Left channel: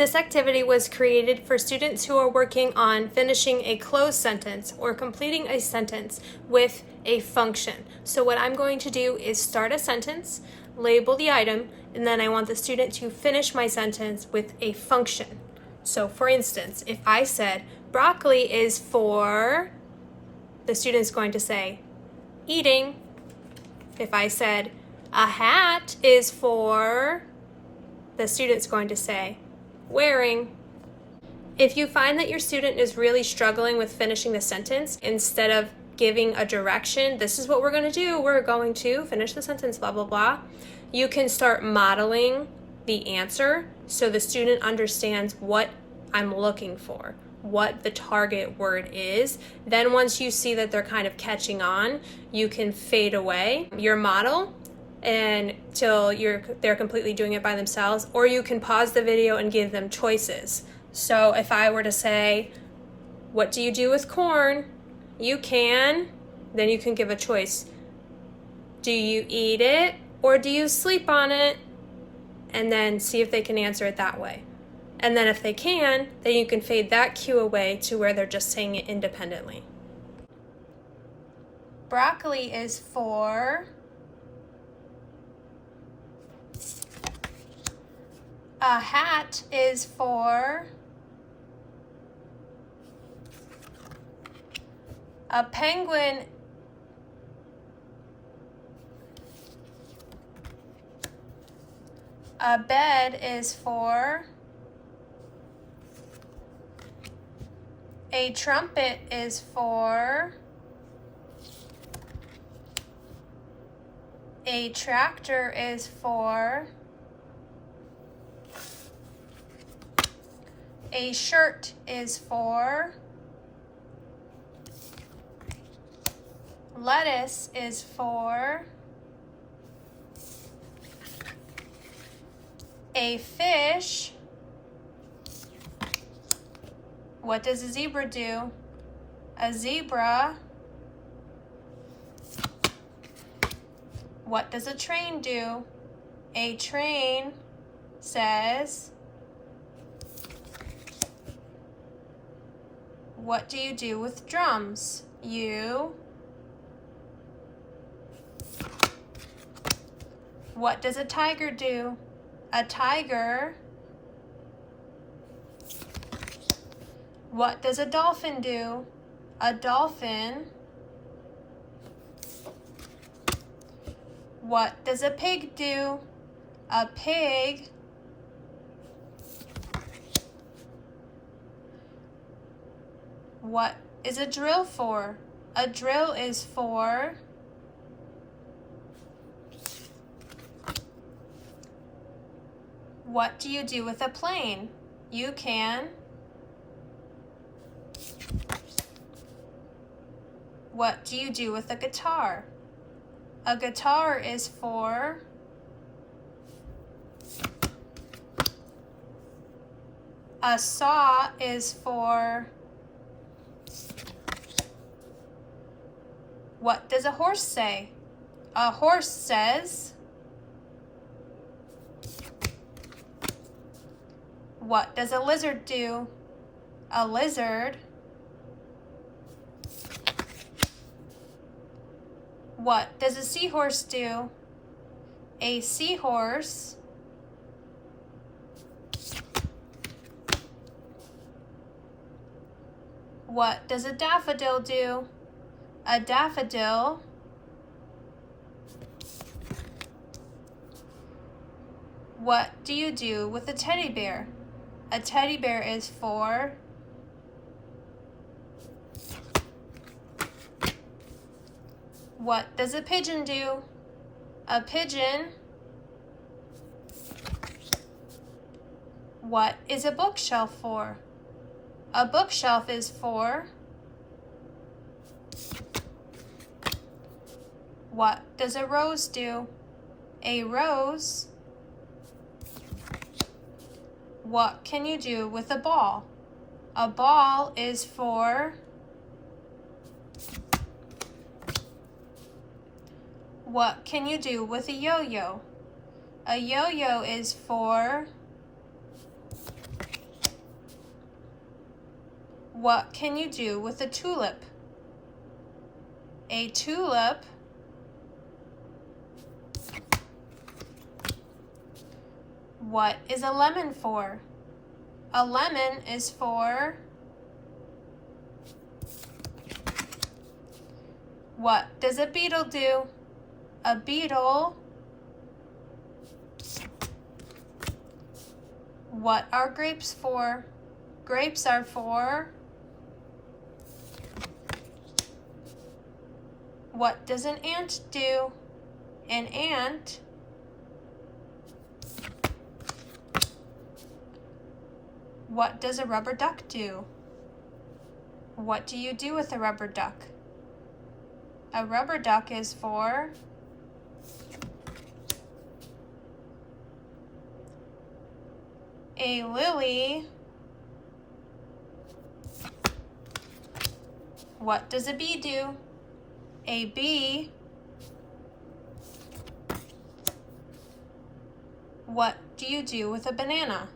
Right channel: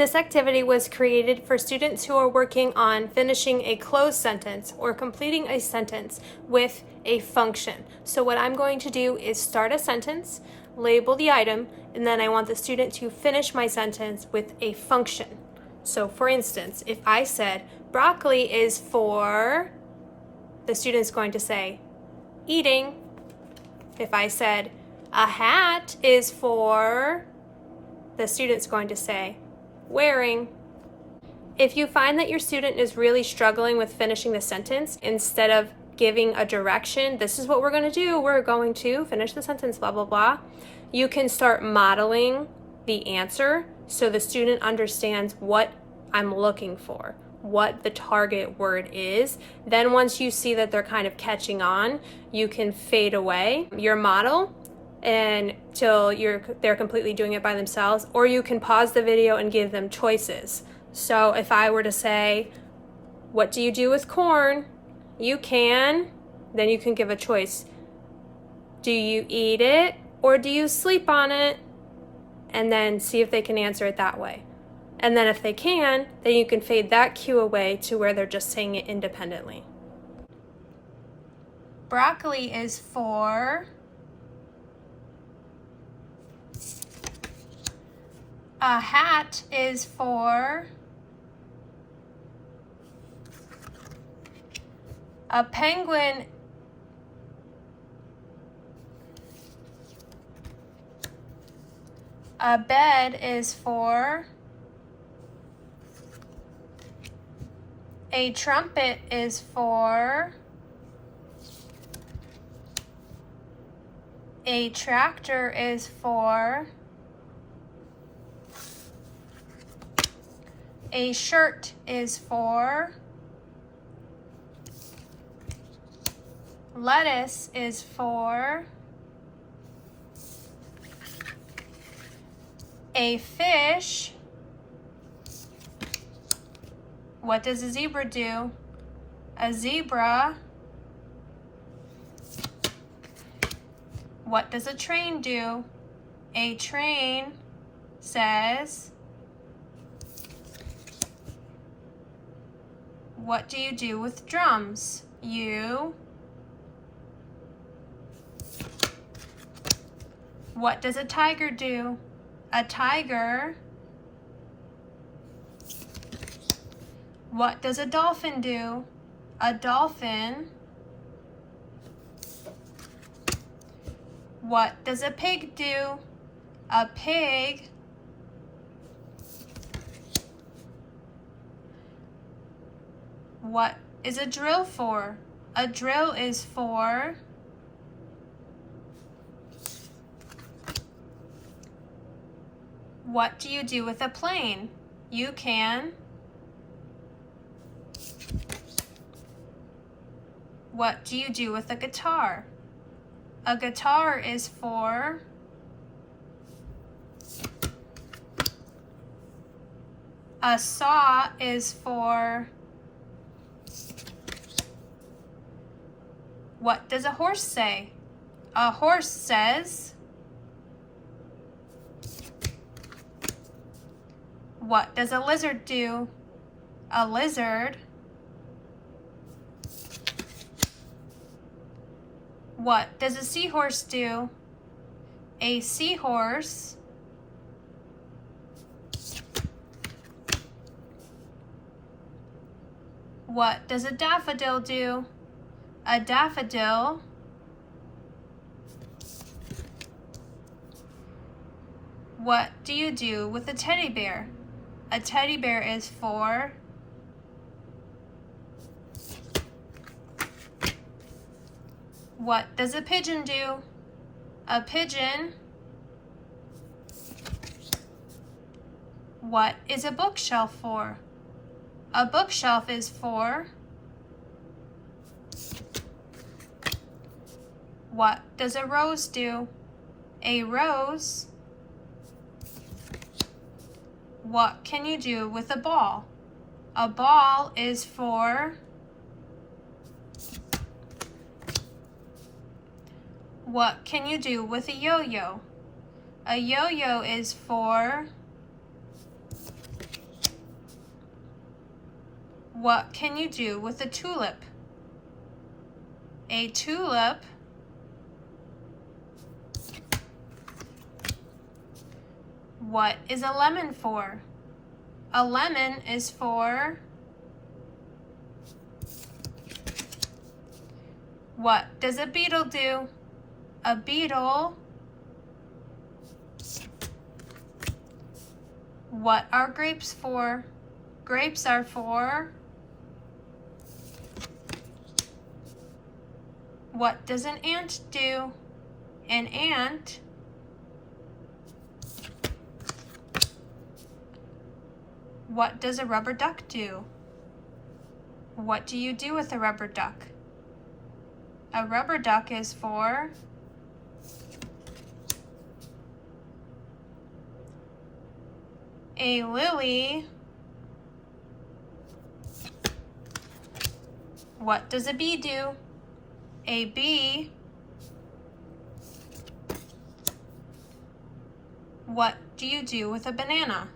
This activity was created for students who are working on finishing a closed sentence or completing a sentence with a function. So what I'm going to do is start a sentence, label the item, and then I want the student to finish my sentence with a function. So for instance, if I said broccoli is for, the student's going to say eating. If I said a hat is for, the student's going to say wearing. If you find that your student is really struggling with finishing the sentence, instead of giving a direction, this is what we're going to do, we're going to finish the sentence, blah, blah, blah, you can start modeling the answer so the student understands what I'm looking for, what the target word is. Then once you see that they're kind of catching on, you can fade away your model until they're completely doing it by themselves, or you can pause the video and give them choices. So if I were to say, what do you do with corn? You can, then you can give a choice. Do you eat it or do you sleep on it? And then see if they can answer it that way. And then if they can, then you can fade that cue away to where they're just saying it independently. Broccoli is for, a hat is for, a penguin a bed is for, a trumpet is for, a tractor is for, a shirt is for, lettuce is for, a fish. What does a zebra do? A zebra. What does a train do? A train says. What do you do with drums? You. What does a tiger do? A tiger. What does a dolphin do? A dolphin. What does a pig do? A pig. What is a drill for? A drill is for. What do you do with a plane? You can. What do you do with a guitar? A guitar is for. A saw is for. What does a horse say? A horse says. What does a lizard do? A lizard. What does a seahorse do? A seahorse. What does a daffodil do? A daffodil. What do you do with a teddy bear? A teddy bear is for. What does a pigeon do? A pigeon. What is a bookshelf for? A bookshelf is for. What does a rose do? A rose. What can you do with a ball? A ball is for. What can you do with a yo-yo? A yo-yo is for. What can you do with a tulip? A tulip What is a lemon for? A lemon is for What does a beetle do? A beetle What are grapes for? Grapes are for What does an ant do? An ant What does a rubber duck do? What do you do with a rubber duck? A rubber duck is for a lily. What does a bee do? A bee. What do you do with a banana?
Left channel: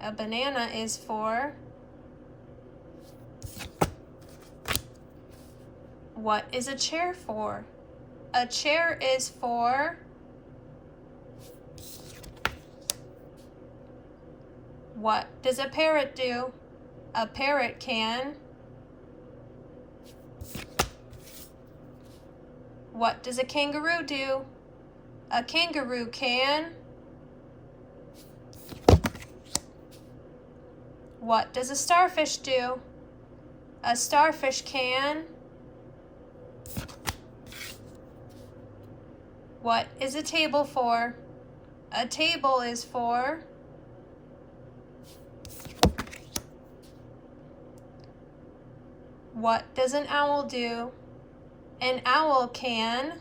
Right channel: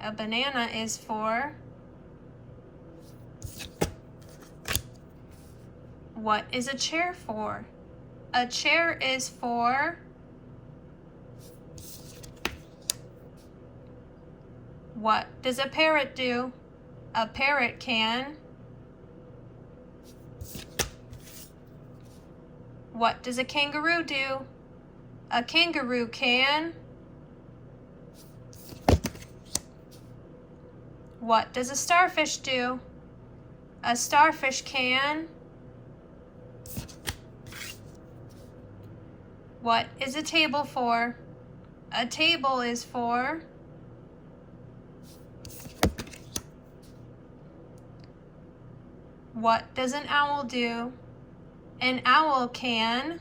A banana is for What is a chair for? A chair is for What does a parrot do? A parrot can What does a kangaroo do? A kangaroo can What does a starfish do? A starfish can What is a table for? A table is for What does an owl do? An owl can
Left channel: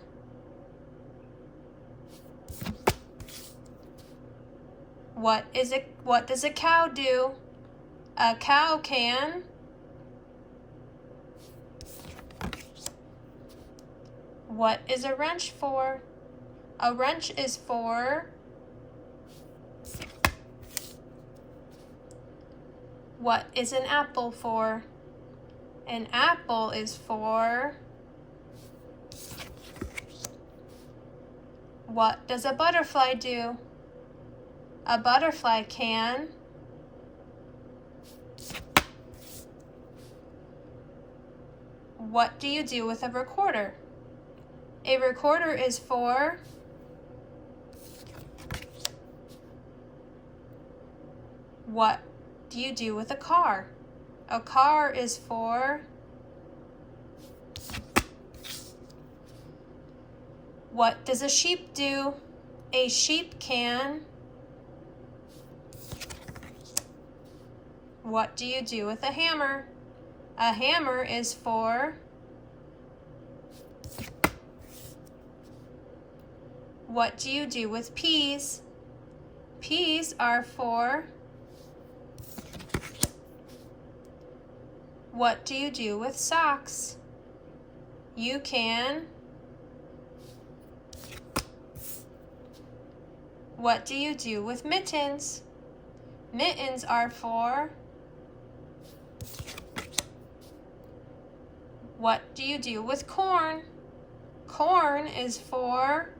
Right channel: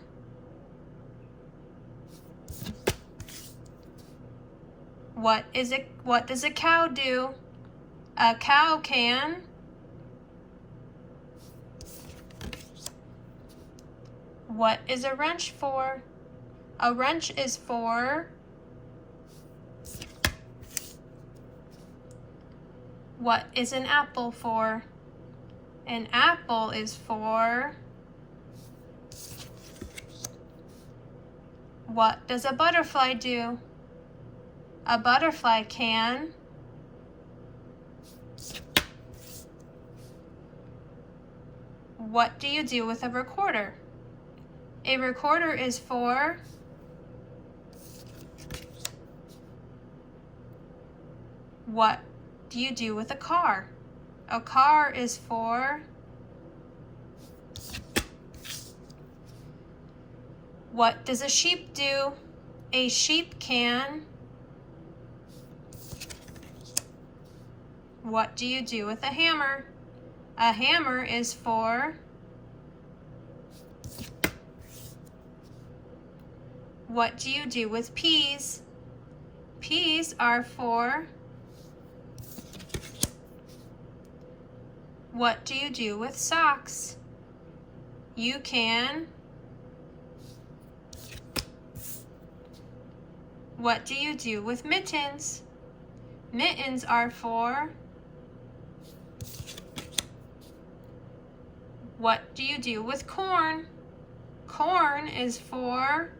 What does a cow do? A cow can What is a wrench for? A wrench is for What is an apple for? An apple is for What does a butterfly do? A butterfly can What do you do with a recorder? A recorder is for What do you do with a car? A car is for What does a sheep do? A sheep can What do you do with a hammer? A hammer is for What do you do with peas? Peas are for What do you do with socks? You can What do you do with mittens? Mittens are for What do you do with corn? Corn is for